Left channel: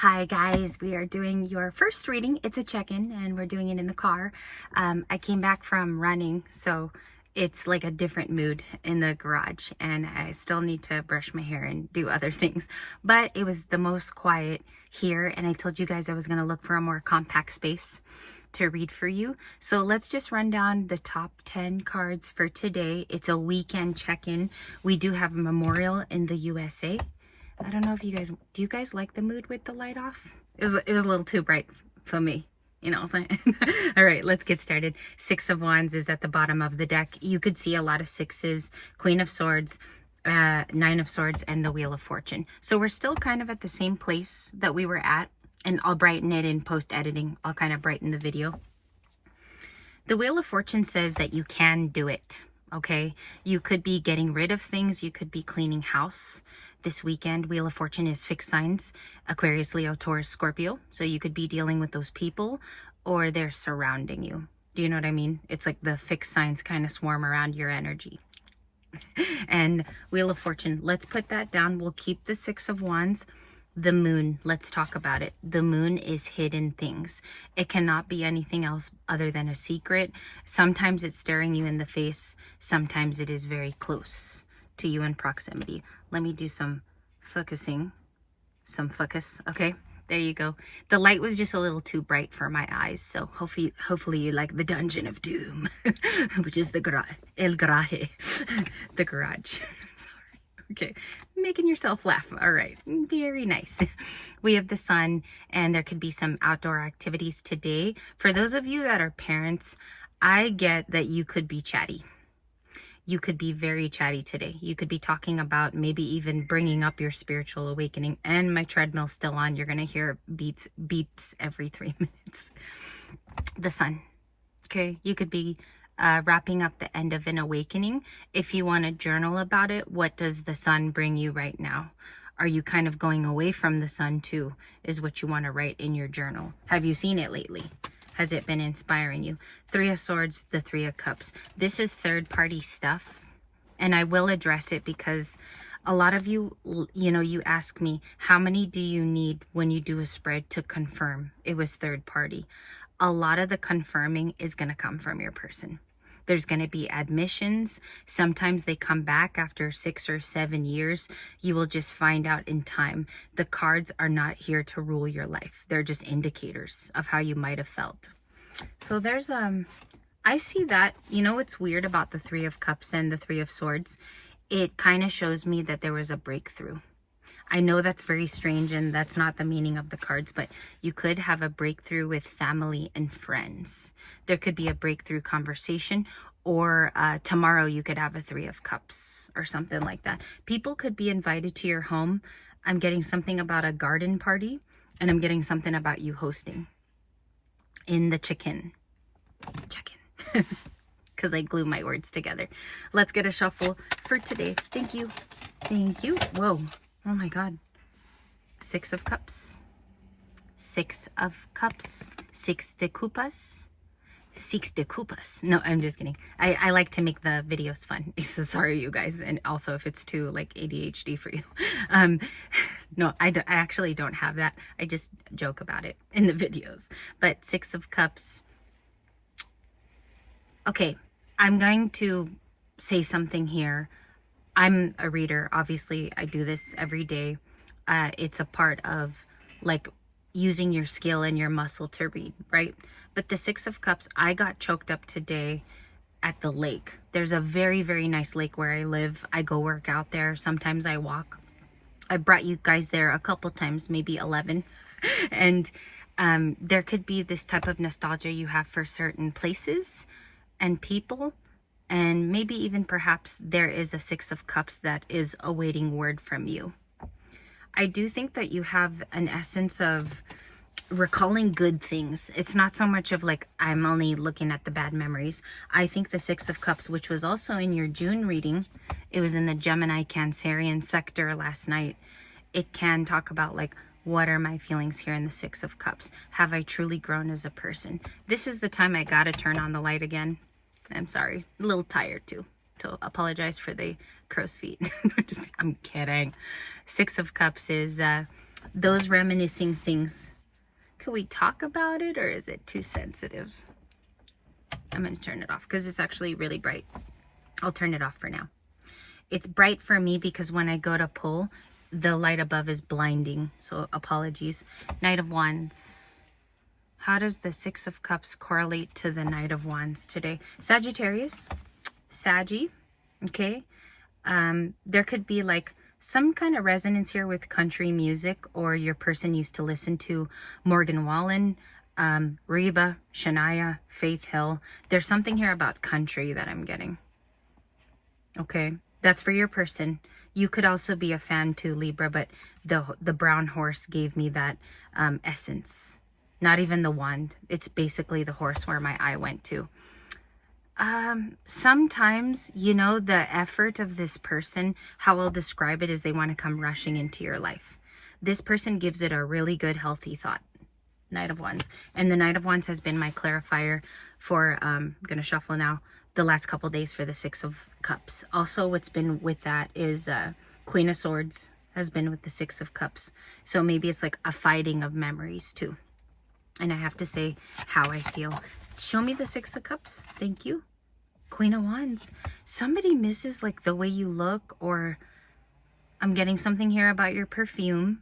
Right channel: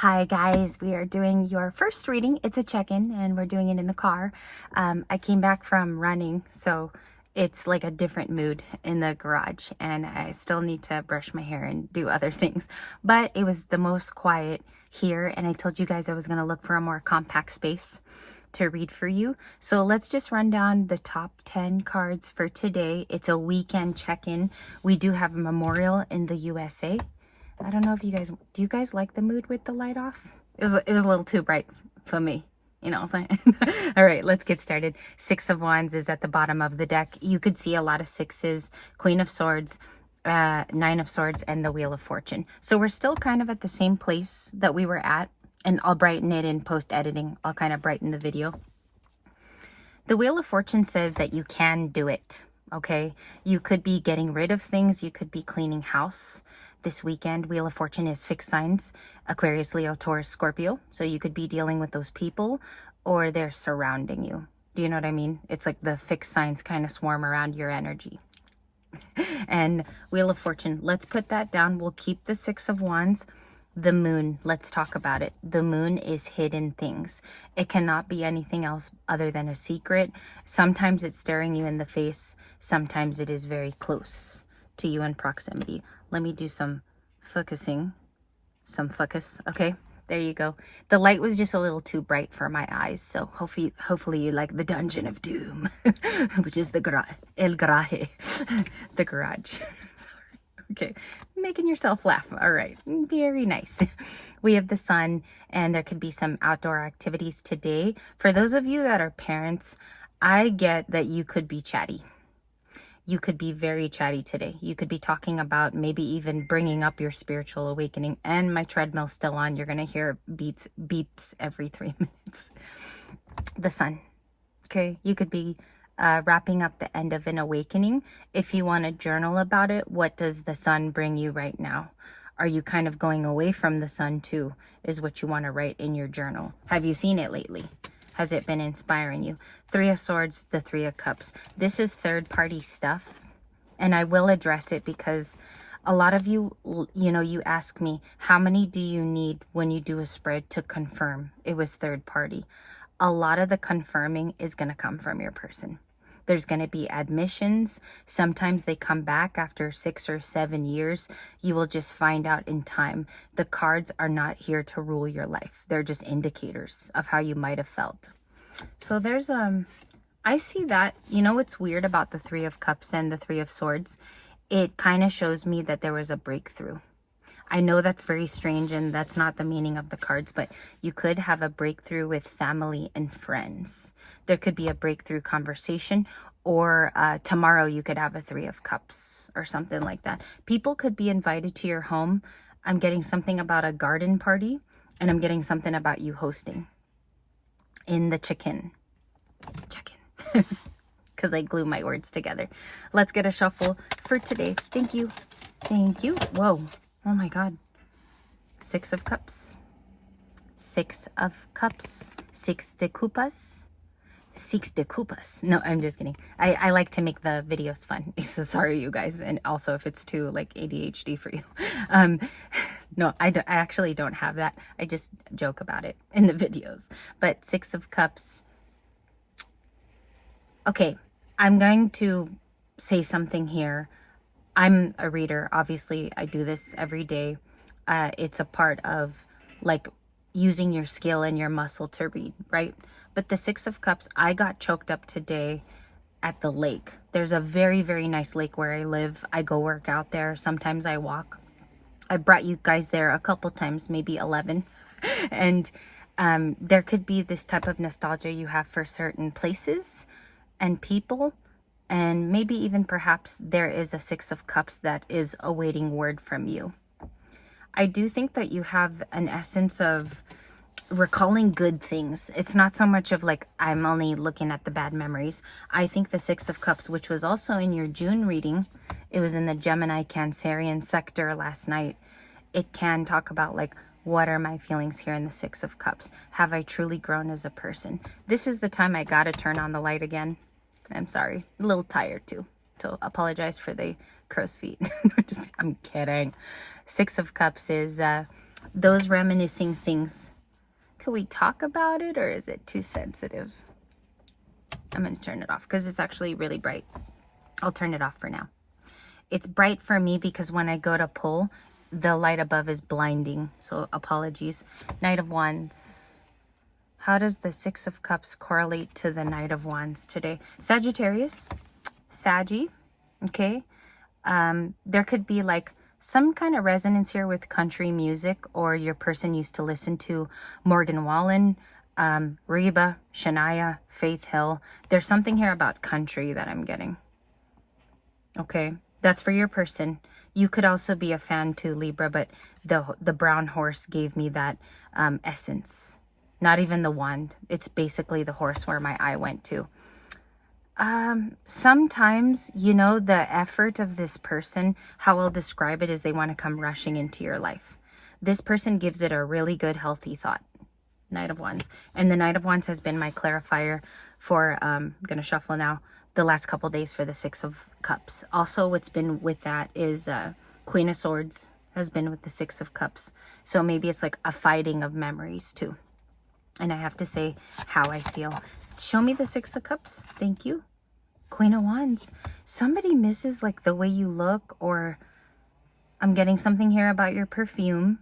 Hi guys, we are doing your first reading. It's a check-in and we're doing it in the car. I came back from running, so it's like a different mood in the garage and I still need to brush my hair and do other things. But it was the most quiet here and I told you guys I was going to look for a more compact space to read for you. So let's just run down the top 10 cards for today. It's a weekend check-in. We do have a memorial in the USA. I don't know if you guys, do you guys like the mood with the light off? It was a little too bright for me, you know what I'm saying? All right, let's get started. Six of Wands is at the bottom of the deck. You could see a lot of sixes, Queen of Swords, Nine of Swords, and the Wheel of Fortune. So we're still kind of at the same place that we were at, and I'll brighten it in post-editing. I'll kind of brighten the video. The Wheel of Fortune says that you can do it, okay? You could be getting rid of things. You could be cleaning house. This weekend, Wheel of Fortune is fixed signs, Aquarius, Leo, Taurus, Scorpio. So you could be dealing with those people or they're surrounding you. Do you know what I mean? It's like the fixed signs kind of swarm around your energy. And Wheel of Fortune, let's put that down. We'll keep the Six of Wands. The moon, let's talk about it. The moon is hidden things. It cannot be anything else other than a secret. Sometimes it's staring you in the face. Sometimes it is very close to you in proximity. Let me do some focusing, some focus. Okay, there you go. The light was just a little too bright for my eyes, so hopefully you like the Dungeon of Doom, which is the El Garaje, the garage. Okay, making yourself laugh. All right, very nice. We have the sun, and there could be some outdoor activities today. For those of you that are parents, I get that you could be chatty. You could be very chatty today. You could be talking about maybe even bringing up your spiritual awakening. And my treadmill's still on. You're going to hear beeps every 3 minutes. The sun. Okay, you could be wrapping up the end of an awakening. If you want to journal about it, what does the sun bring you right now? Are you kind of going away from the sun too, is what you want to write in your journal. Have you seen it lately? Has it been inspiring you? Three of Swords, the Three of Cups. This is third-party stuff, and I will address it because a lot of you, you ask me, how many do you need when you do a spread to confirm it was third party? A lot of the confirming is going to come from your person. There's going to be admissions. Sometimes they come back after 6 or 7 years. You will just find out in time. The cards are not here to rule your life. They're just indicators of how you might have felt. So there's, I see that, what's weird about the Three of Cups and the Three of Swords? It kind of shows me that there was a breakthrough. I know that's very strange and that's not the meaning of the cards, but you could have a breakthrough with family and friends. There could be a breakthrough conversation, or tomorrow you could have a Three of Cups or something like that. People could be invited to your home. I'm getting something about a garden party, and I'm getting something about you hosting in the check-in. Because I glue my words together. Let's get a shuffle for today. Thank you. Thank you. Whoa. Oh my God. Six of Cups. Six of Cups. Six de Copas. Six de Copas. No, I'm just kidding. I like to make the videos fun. So sorry, you guys. And also if it's too like ADHD for you. No, I actually don't have that. I just joke about it in the videos. But Six of Cups. Okay, I'm going to say something here. I'm a reader. Obviously, I do this every day. It's a part of like using your skill and your muscle to read, right? But the Six of Cups, I got choked up today at the lake. There's a very, very nice lake where I live. I go work out there. Sometimes I walk. I brought you guys there a couple times, maybe 11. And there could be this type of nostalgia you have for certain places and people. And maybe even perhaps there is a Six of Cups that is awaiting word from you. I do think that you have an essence of recalling good things. It's not so much of like, I'm only looking at the bad memories. I think the Six of Cups, which was also in your June reading, it was in the Gemini Cancerian sector last night. It can talk about like, what are my feelings here in the Six of Cups? Have I truly grown as a person? This is the time I gotta turn on the light again. I'm sorry, a little tired too. So apologize for the crow's feet. I'm kidding. Six of Cups is those reminiscing things. Could we talk about it, or is it too sensitive? I'm going to turn it off because it's actually really bright. I'll turn it off for now. It's bright for me because when I go to pull, the light above is blinding. So apologies. Knight of Wands. How does the Six of Cups correlate to the Knight of Wands today? Sagittarius. Saggy. Okay. There could be like some kind of resonance here with country music, or your person used to listen to Morgan Wallen, Reba, Shania, Faith Hill. There's something here about country that I'm getting. Okay, that's for your person. You could also be a fan too, Libra, but the brown horse gave me that essence. Not even the wand. It's basically the horse where my eye went to. Sometimes, you know, the effort of this person, how I'll describe it is they want to come rushing into your life. This person gives it a really good, healthy thought. Knight of Wands. And the Knight of Wands has been my clarifier for, I'm going to shuffle now, the last couple days for the Six of Cups. Also, what's been with that is Queen of Swords has been with the Six of Cups. So maybe it's like a fighting of memories too. And I have to say how I feel. Show me the Six of Cups. Thank you. Queen of Wands. Somebody misses like the way you look, or I'm getting something here about your perfume.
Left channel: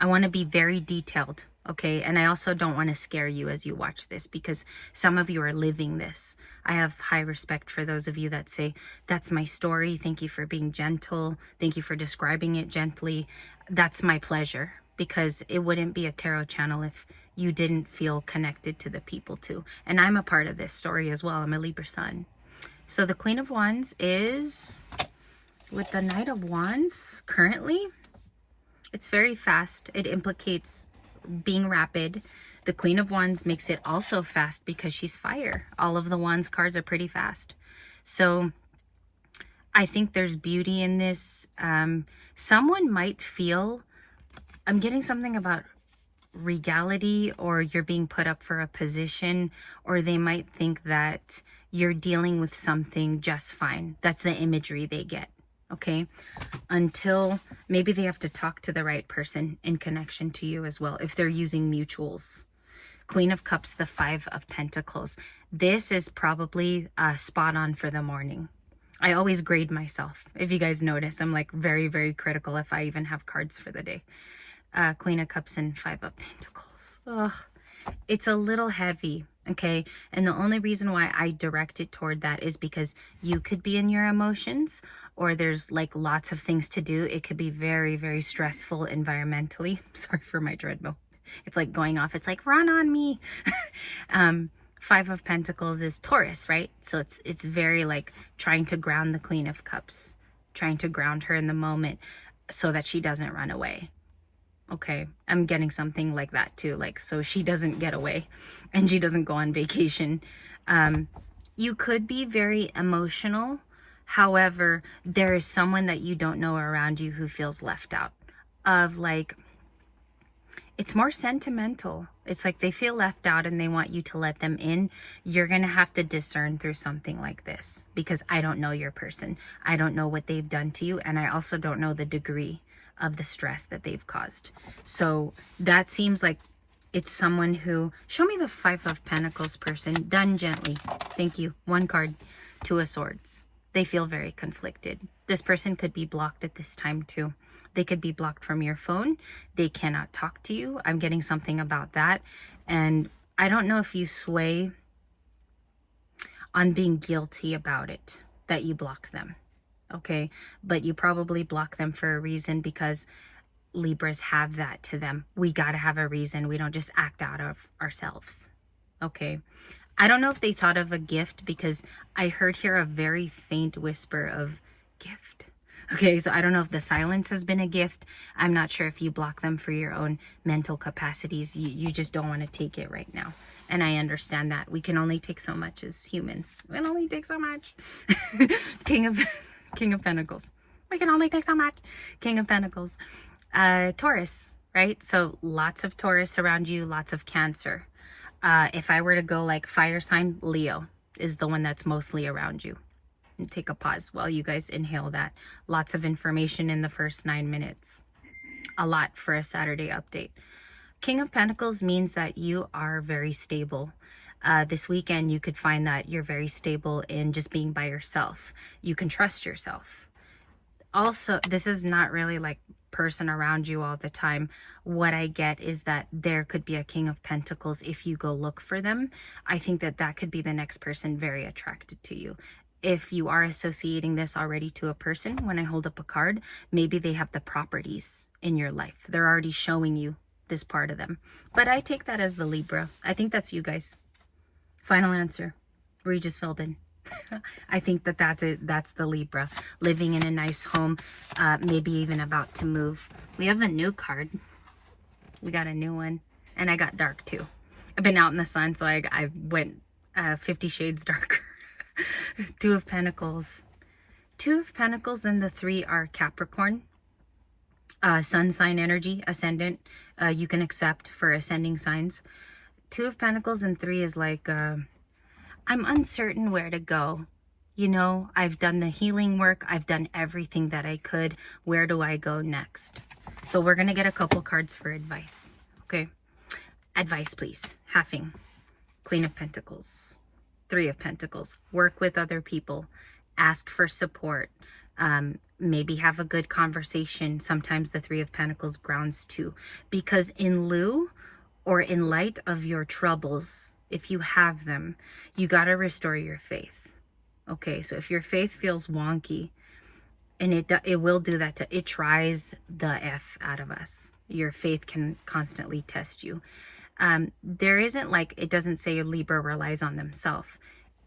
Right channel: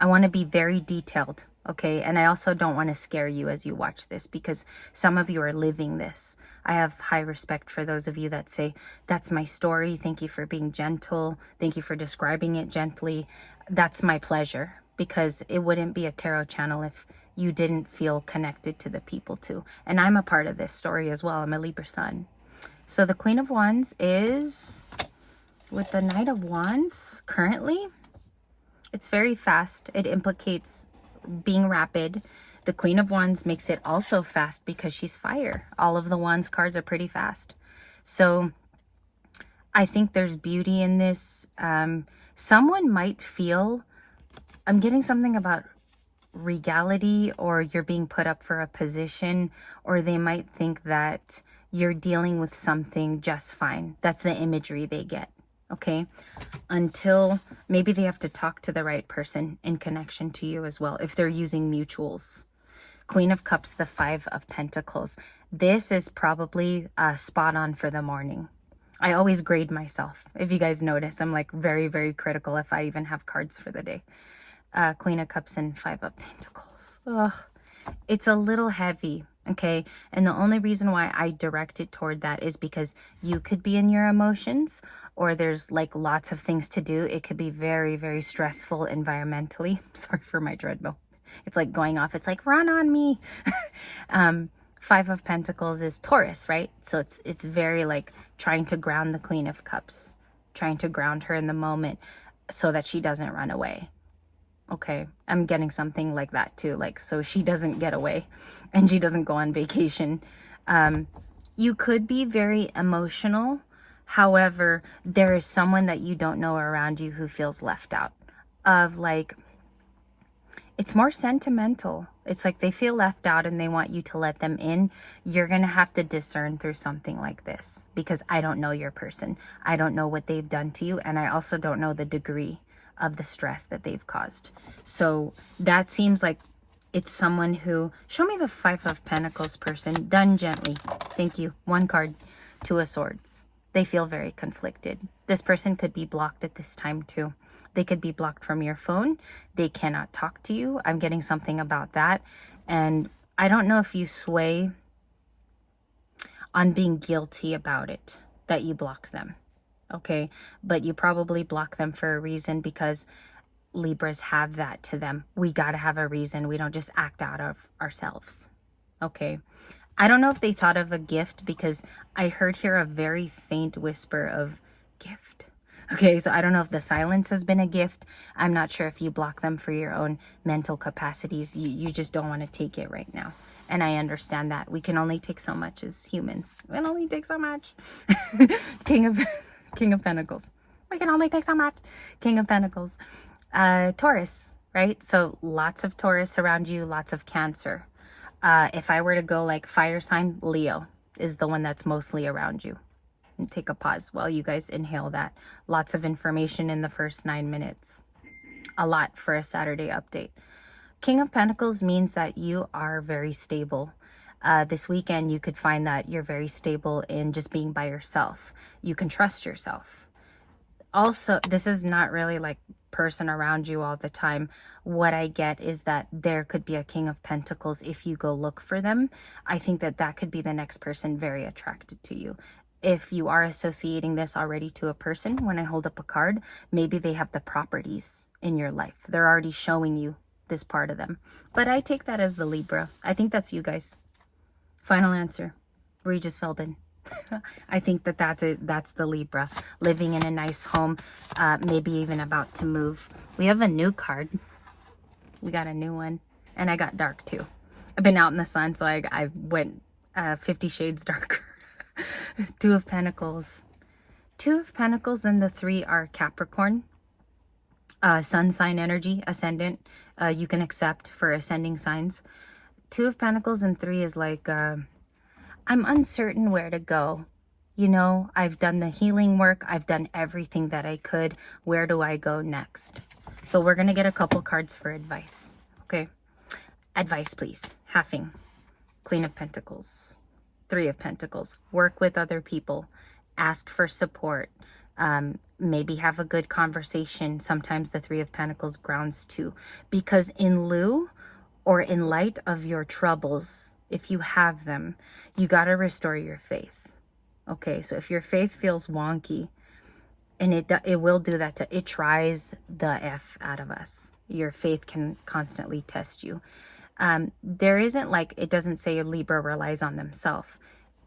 I want to be very detailed, okay? And I also don't want to scare you as you watch this, because some of you are living this. I have high respect for those of you that say, that's my story. Thank you for being gentle. Thank you for describing it gently. That's my pleasure, because it wouldn't be a tarot channel if you didn't feel connected to the people too. And I'm a part of this story as well. I'm a Libra sun. So the Queen of Wands is with the Knight of Wands currently. It's very fast. It implicates being rapid. The Queen of Wands makes it also fast because she's fire. All of the Wands cards are pretty fast. So I think there's beauty in this. Someone might feel, I'm getting something about regality, or you're being put up for a position, or they might think that you're dealing with something just fine. That's the imagery they get, okay? Until maybe they have to talk to the right person in connection to you as well, if they're using mutuals. Queen of Cups, the Five of Pentacles. This is probably spot on for the morning. I always grade myself. If you guys notice, I'm like very, very critical if I even have cards for the day. Queen of Cups and Five of Pentacles. Ugh. It's a little heavy, okay? And the only reason why I direct it toward that is because you could be in your emotions, or there's like lots of things to do. It could be very, very stressful environmentally. Sorry for my treadmill. It's like going off. It's like, run on me. Five of Pentacles is Taurus, right? So it's very like trying to ground the Queen of Cups, trying to ground her in the moment so that she doesn't run away. Okay, I'm getting something like that too, like so she doesn't get away and she doesn't go on vacation. You could be very emotional. However, there is someone that you don't know around you who feels left out. Of like, it's more sentimental. It's like they feel left out and they want you to let them in. You're going to have to discern through something like this, because I don't know your person. I don't know what they've done to you, and I also don't know the degree of the stress that they've caused. So that seems like it's someone who, show me the Five of Pentacles person, done gently. Thank you. One card, Two of Swords. They feel very conflicted. This person could be blocked at this time too. They could be blocked from your phone. They cannot talk to you. I'm getting something about that. And I don't know if you sway on being guilty about it, that you blocked them. Okay, but you probably block them for a reason, because Libras have that to them. We got to have a reason. We don't just act out of ourselves. Okay, I don't know if they thought of a gift, because I heard here a very faint whisper of gift. Okay, so I don't know if the silence has been a gift. I'm not sure if you block them for your own mental capacities. You just don't want to take it right now. And I understand that. We can only take so much as humans. We can only take so much. King of Pentacles. We can only take so much. King of Pentacles. Taurus, right? So lots of Taurus around you, lots of Cancer. If I were to go like fire sign, Leo is the one that's mostly around you. And take a pause while you guys inhale that. Lots of information in the first 9 minutes. a lot for a Saturday update. King of Pentacles means that you are very stable. This weekend, you could find that you're very stable in just being by yourself. You can trust yourself. Also, this is not really like person around you all the time. What I get is that there could be a King of Pentacles if you go look for them. I think that that could be the next person very attracted to you. If you are associating this already to a person, when I hold up a card, maybe they have the properties in your life. They're already showing you this part of them. But I take that as the Libra. I think that's you guys. Final answer, Regis Philbin. I think that that's the Libra, living in a nice home, maybe even about to move. We have a new card. We got a new one, and I got dark too. I've been out in the sun, so I went 50 shades darker. Two of Pentacles. Two of Pentacles and the 3 are Capricorn. Sun sign energy, ascendant. You can accept for ascending signs. Two of Pentacles and 3 is like, I'm uncertain where to go. You know, I've done the healing work. I've done everything that I could. Where do I go next? So we're going to get a couple cards for advice. Okay. Advice, please. Halving. Queen of Pentacles. 3 of Pentacles. Work with other people. Ask for support. Maybe have a good conversation. Sometimes the 3 of Pentacles grounds too. Because in lieu or in light of your troubles, if you have them, you got to restore your faith. Okay, so if your faith feels wonky, and it will do that, it tries the F out of us. Your faith can constantly test you. There isn't like, it doesn't say a Libra relies on themselves.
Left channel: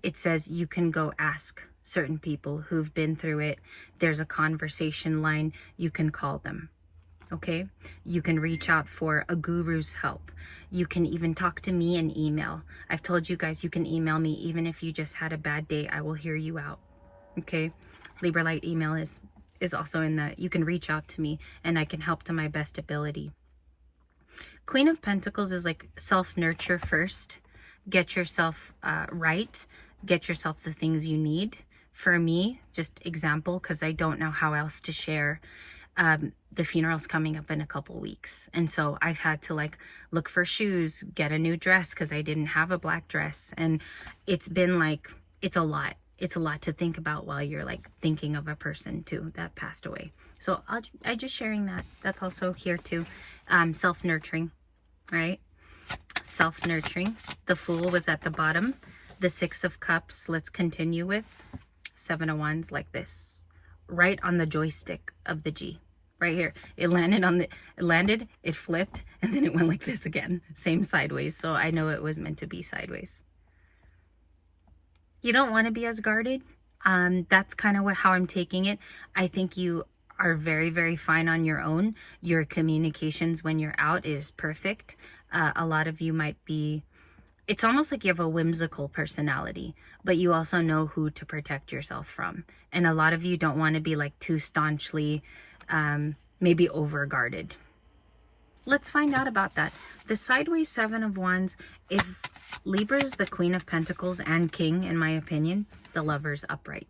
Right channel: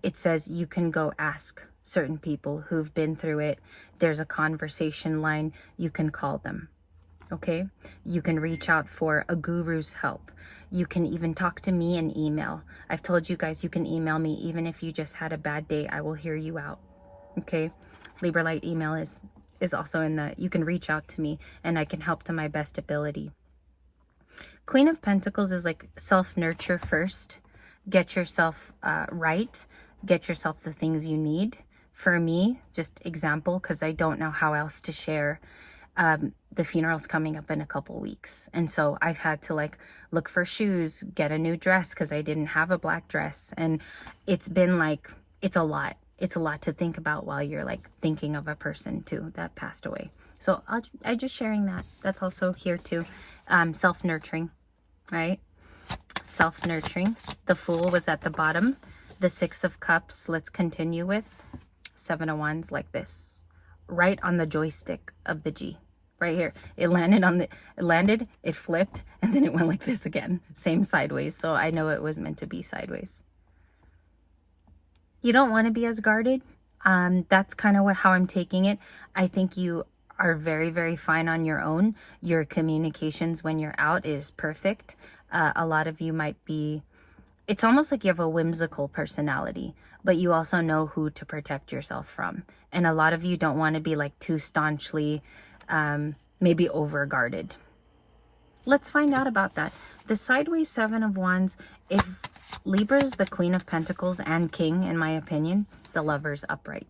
It says you can go ask certain people who've been through it. There's a conversation line. You can call them. Okay, you can reach out for a guru's help. You can even talk to me in email. I've told you guys you can email me even if you just had a bad day. I will hear you out. Okay, Libra Light email is also in that. You can reach out to me and I can help to my best ability. Queen of Pentacles is like self-nurture first. Get yourself right. Get yourself the things you need. For me, just example, because I don't know how else to share. The funeral's coming up in a couple weeks, and so I've had to like look for shoes, get a new dress because I didn't have a black dress, and it's been like, it's a lot to think about while you're like thinking of a person too that passed away. So I just sharing that. That's also here too. Self-nurturing, right? Self-nurturing. The Fool was at the bottom. The 6 of Cups, let's continue with 7 of Wands, like this, right on the joystick of the G. Right here, it landed, it flipped, and then it went like this again, same sideways. So I know it was meant to be sideways. You don't want to be as guarded. That's kind of how I'm taking it. I think you are very, very fine on your own. Your communications when you're out is perfect. A lot of you might be, it's almost like you have a whimsical personality, but you also know who to protect yourself from. And a lot of you don't want to be like too staunchly maybe over guarded. Let's find out about that. The sideways 7 of Wands, if Libra is the Queen of Pentacles and King, in my opinion, the Lover's upright.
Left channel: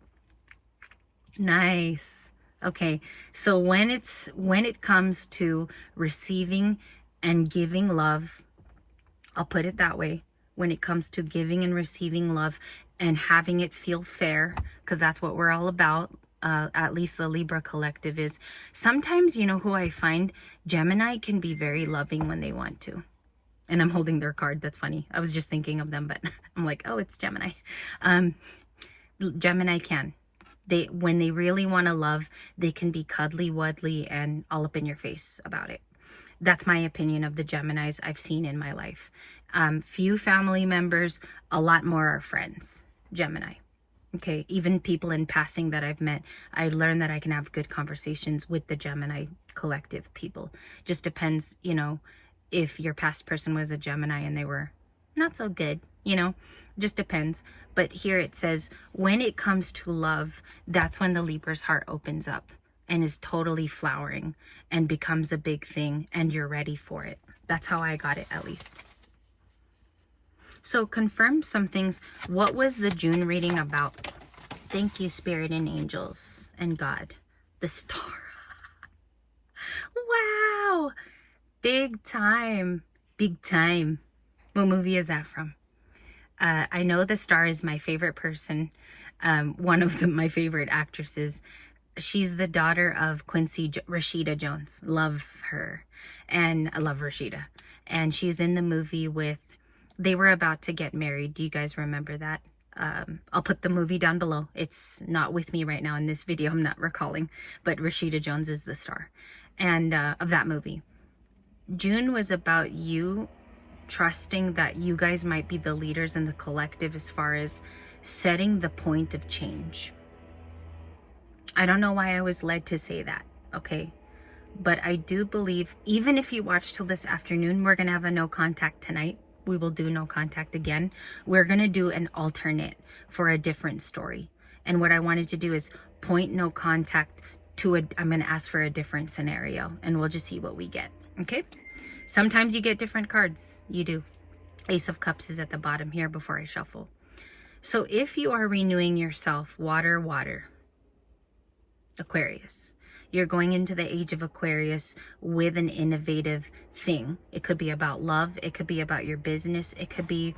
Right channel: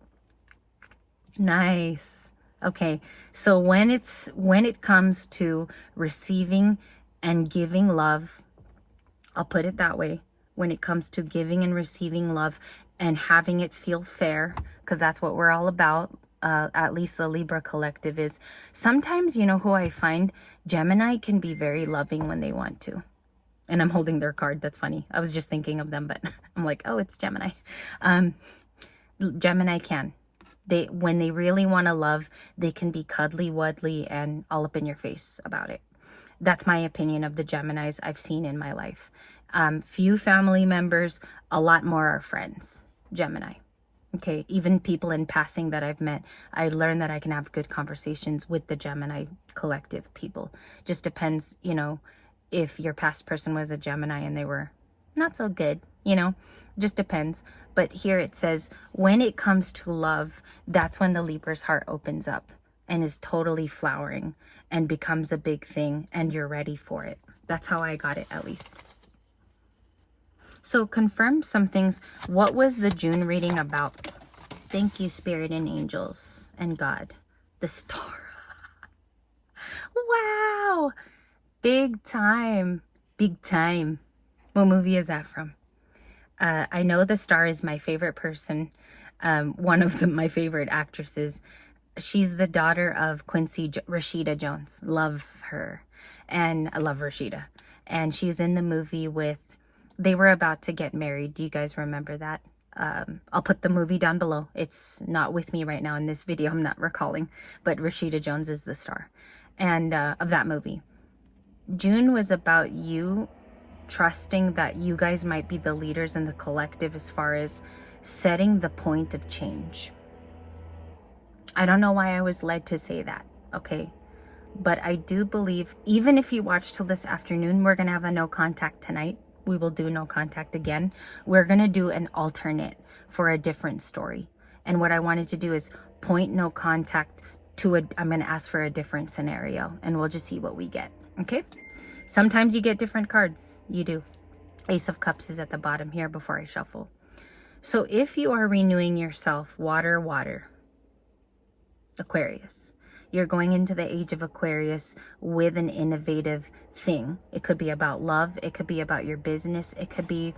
Nice. Okay, so when it comes to receiving and giving love, I'll put it that way. When it comes to giving and receiving love and having it feel fair, because that's what we're all about. At least the Libra collective is. Sometimes, you know who I find? Gemini can be very loving when they want to. And I'm holding their card. That's funny. I was just thinking of them, but I'm like, oh, it's Gemini. Gemini can. When they really want to love, they can be cuddly, wuddly, and all up in your face about it. That's my opinion of the Geminis I've seen in my life. Few family members, a lot more are friends. Gemini. Okay, even people in passing that I've met, I learned that I can have good conversations with the Gemini collective people. Just depends, you know, if your past person was a Gemini and they were not so good, you know, just depends. But here it says, when it comes to love, that's when the Libra's heart opens up and is totally flowering and becomes a big thing and you're ready for it. That's how I got it, at least. So confirm some things. What was the June reading about? Thank you, Spirit and angels and God. The star. Wow. Wow. Big time. Big time. What movie is that from? I know the star is my favorite person. One of my favorite actresses. She's the daughter of Rashida Jones. Love her. And I love Rashida. And she's in the movie with, they were about to get married. Do you guys remember that? I'll put the movie down below. It's not with me right now in this video. I'm not recalling. But Rashida Jones is the star and of that movie. June was about you trusting that you guys might be the leaders in the collective as far as setting the point of change. I don't know why I was led to say that, okay? But I do believe, even if you watch till this afternoon, we're going to have a no contact tonight. We will do no contact again. We're going to do an alternate for a different story. And what I wanted to do is point no contact to I'm going to ask for a different scenario and we'll just see what we get, okay? Sometimes you get different cards. You do. Ace of Cups is at the bottom here before I shuffle. So if you are renewing yourself, water, Aquarius. You're going into the age of Aquarius with an innovative thing. It could be about love. It could be about your business. It could be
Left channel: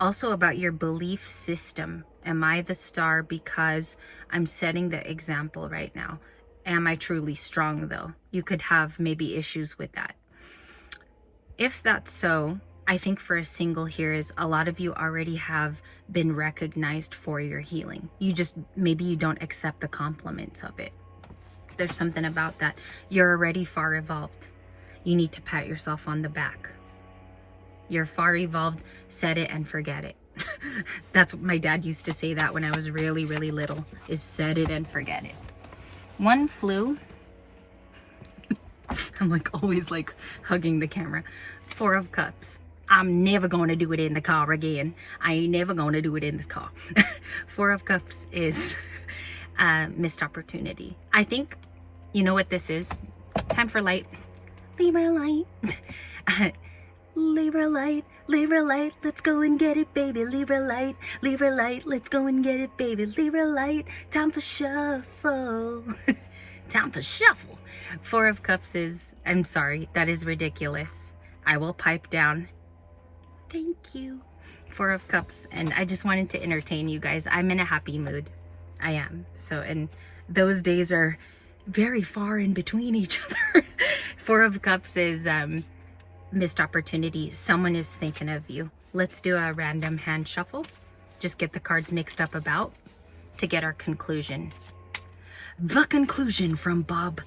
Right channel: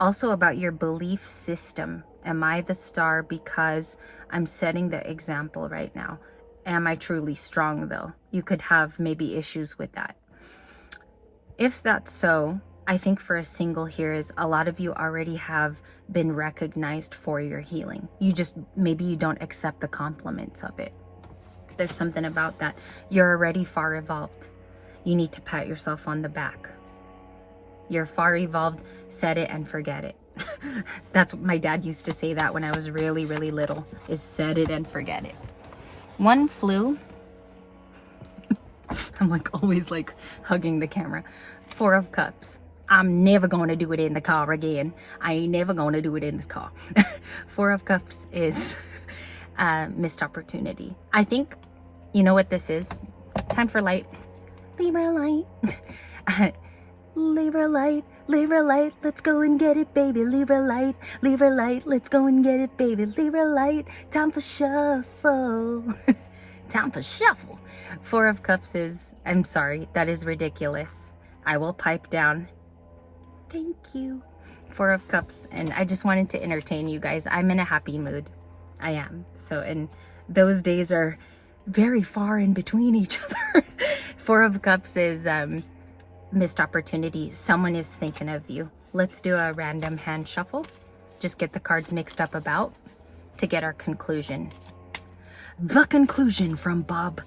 also about your belief system. Am I the star because I'm setting the example right now? Am I truly strong though? You could have maybe issues with that. If that's so, I think for a single here is a lot of you already have been recognized for your healing. You just, maybe you don't accept the compliments of it. There's something about that. You're already far evolved. You need to pat yourself on the back. You're far evolved, set it and forget it. That's what my dad used to say that when I was really, really little, is set it and forget it. One flew. I'm like always like hugging the camera. 4 of Cups. I'm never going to do it in the car again. I ain't never going to do it in this car. 4 of Cups is missed opportunity. I think, you know what this is? Time for light. Libra light. Libra light. Libra light. Let's go and get it, baby. Libra light. Libra light. Let's go and get it, baby. Libra light. Time for shuffle. Time for shuffle. 4 of Cups is, I'm sorry, that is ridiculous. I will pipe down. Thank you. 4 of Cups. And I just wanted to entertain you guys. I'm in a happy mood. I am. So, and those days are very far in between each other. 4 of Cups is missed opportunity. Someone is thinking of you. Let's do a random hand shuffle. Just get the cards mixed up about to get our conclusion. The conclusion from Bob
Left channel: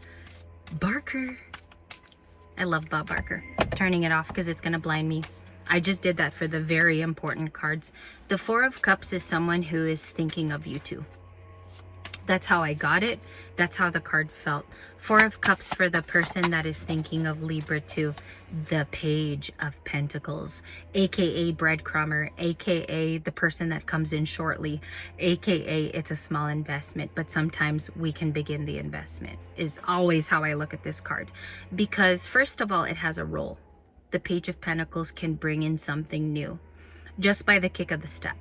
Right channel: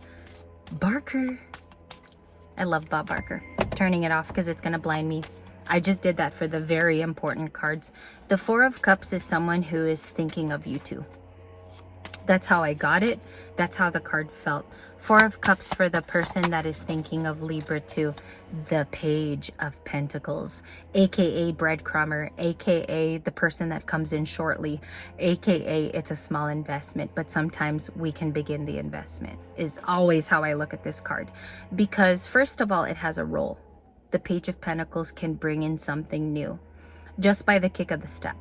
Barker. I love Bob Barker. Turning it off because it's going to blind me. I just did that for the very important cards. The 4 of Cups is someone who is thinking of you too. That's how I got it. That's how the card felt. 4 of Cups for the person that is thinking of Libra too. The Page of Pentacles, aka breadcrumber, aka the person that comes in shortly, aka it's a small investment, but sometimes we can begin the investment, is always how I look at this card. Because first of all, it has a role. The Page of Pentacles can bring in something new just by the kick of the step.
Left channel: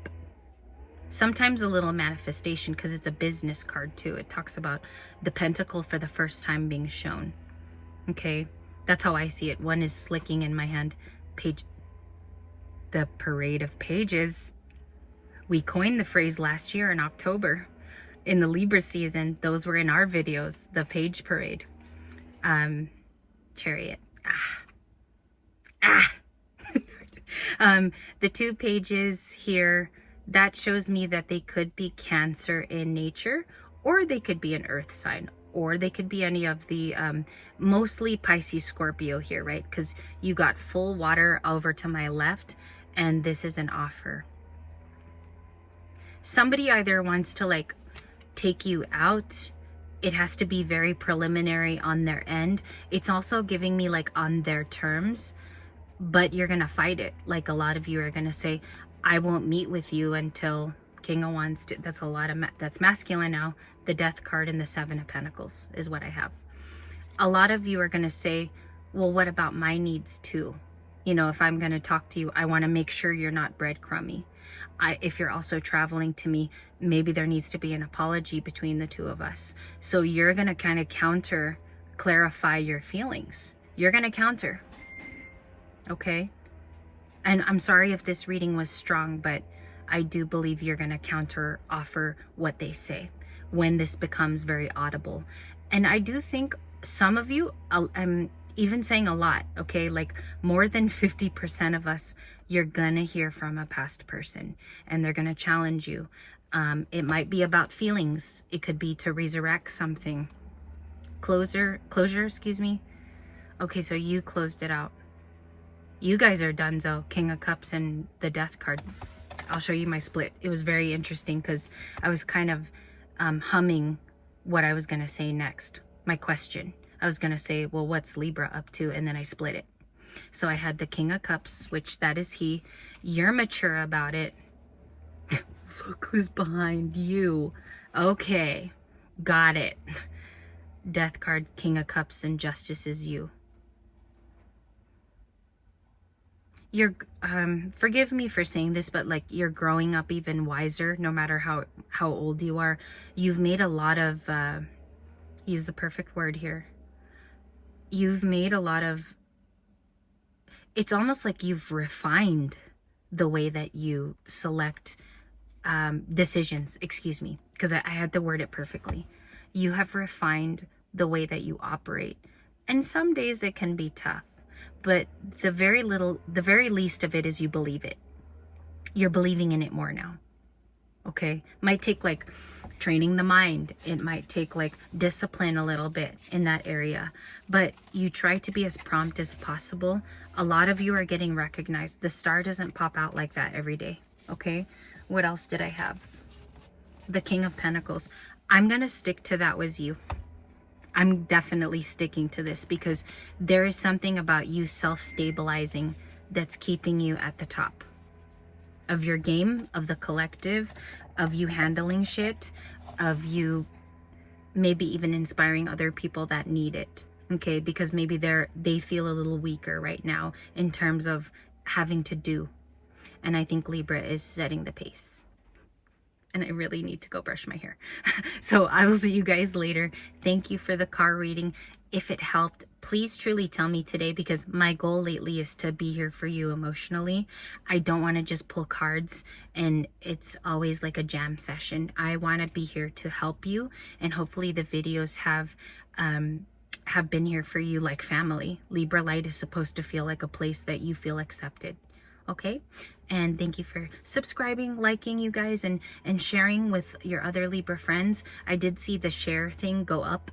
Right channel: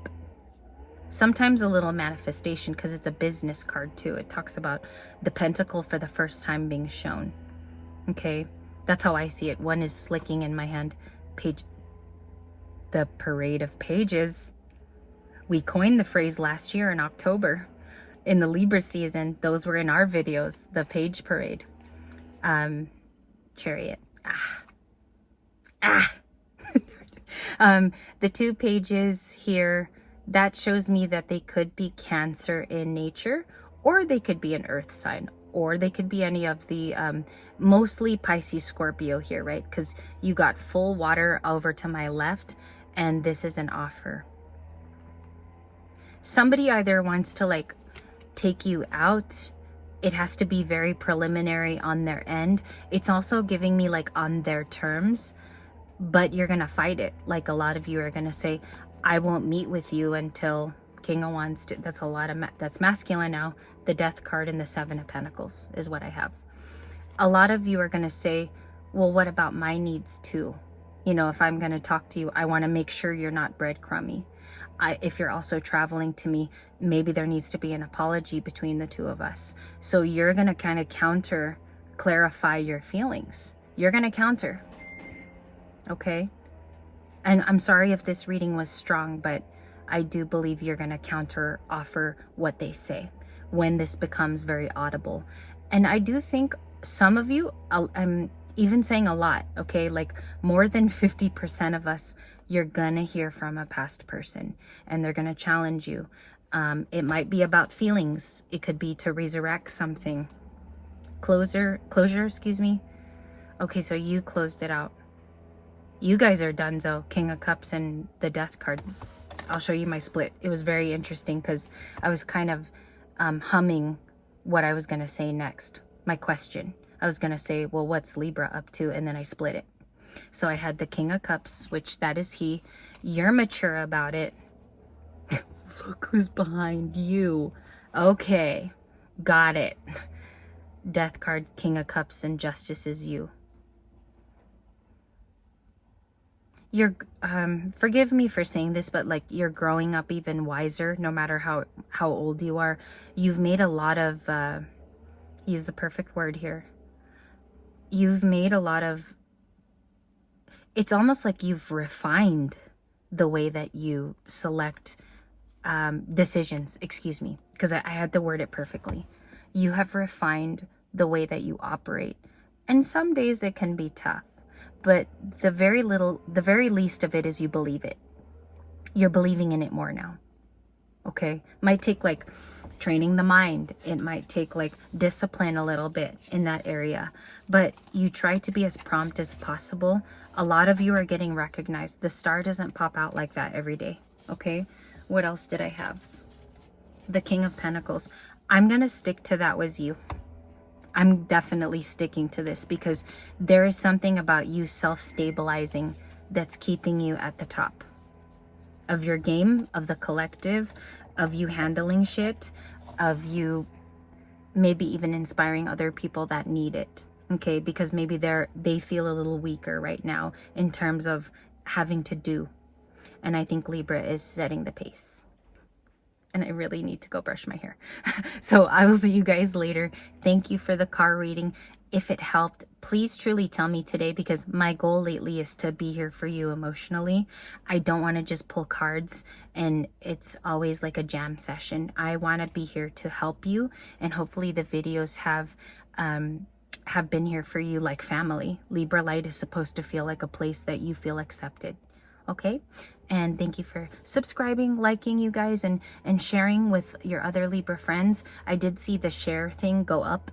Sometimes a little manifestation because it's a business card too. It talks about the pentacle for the first time being shown. Okay, that's how I see it. One is slicking in my hand. Page, the Parade of Pages. We coined the phrase last year in October in the Libra season. Those were in our videos, the Page Parade. Chariot. The 2 pages here, that shows me that they could be Cancer in nature, or they could be an earth sign, or they could be any of the mostly Pisces, Scorpio here, right? Because you got full water over to my left, and this is an offer. Somebody either wants to like take you out. It has to be very preliminary on their end. It's also giving me like on their terms, but you're gonna fight it. Like a lot of you are gonna say, I won't meet with you until King of Wands. That's a lot of, that's masculine now. The Death card and the 7 of Pentacles is what I have. A lot of you are going to say, well, what about my needs too? You know, if I'm going to talk to you, I want to make sure you're not breadcrumby. If you're also traveling to me, maybe there needs to be an apology between the two of us. So you're going to kind of clarify your feelings. you're going to counter. Okay? And I'm sorry if this reading was strong, but I do believe you're going to counter offer what they say when this becomes very audible. And I do think some of you, I'm even saying a lot, okay? Like more than 50% of us, you're going to hear from a past person and they're going to challenge you. It might be about feelings. It could be to resurrect something. Closure, excuse me. Okay, so you closed it out. You guys are donezo. King of Cups and the Death card. I'll show you my split. It was very interesting because I was kind of humming what I was going to say next. My question. I was going to say, well, what's Libra up to? And then I split it. So I had the King of Cups, which that is he. You're mature about it. Look who's behind you. Okay. Got it. Death card, King of Cups, and Justice is you. You're forgive me for saying this, but like you're growing up even wiser no matter how old you are. You've made a lot of use the perfect word here. You've made a lot of, it's almost like you've refined the way that you select decisions, excuse me, because I had to word it perfectly. You have refined the way that you operate, and some days it can be tough, but the very least of it is you believe it. You're believing in it more now. Okay, might take like training the mind, it might take like discipline a little bit in that area, but you try to be as prompt as possible. A lot of you are getting recognized. The star doesn't pop out like that every day. Okay, what else did I have? The King of Pentacles. I'm gonna stick to that was you. I'm definitely sticking to this because there is something about you self-stabilizing that's keeping you at the top of your game, of the collective, of you handling shit, of you maybe even inspiring other people that need it. Okay, because maybe they feel a little weaker right now in terms of having to do. And I think Libra is setting the pace. And I really need to go brush my hair. So I will see you guys later. Thank you for the car reading. If it helped, please truly tell me today, because my goal lately is to be here for you emotionally. I don't want to just pull cards and it's always like a jam session. I want to be here to help you, and hopefully the videos have been here for you like family. Libra Light is supposed to feel like a place that you feel accepted. Okay? And thank you for subscribing, liking, you guys, and sharing with your other Libra friends. I did see the share thing go up,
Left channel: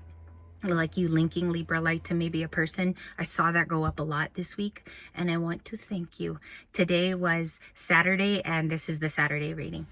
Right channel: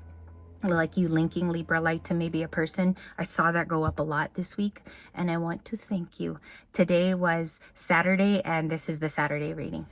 like you linking Libra Light to maybe a person. I saw that go up a lot this week, and I want to thank you. Today was Saturday, and this is the Saturday reading.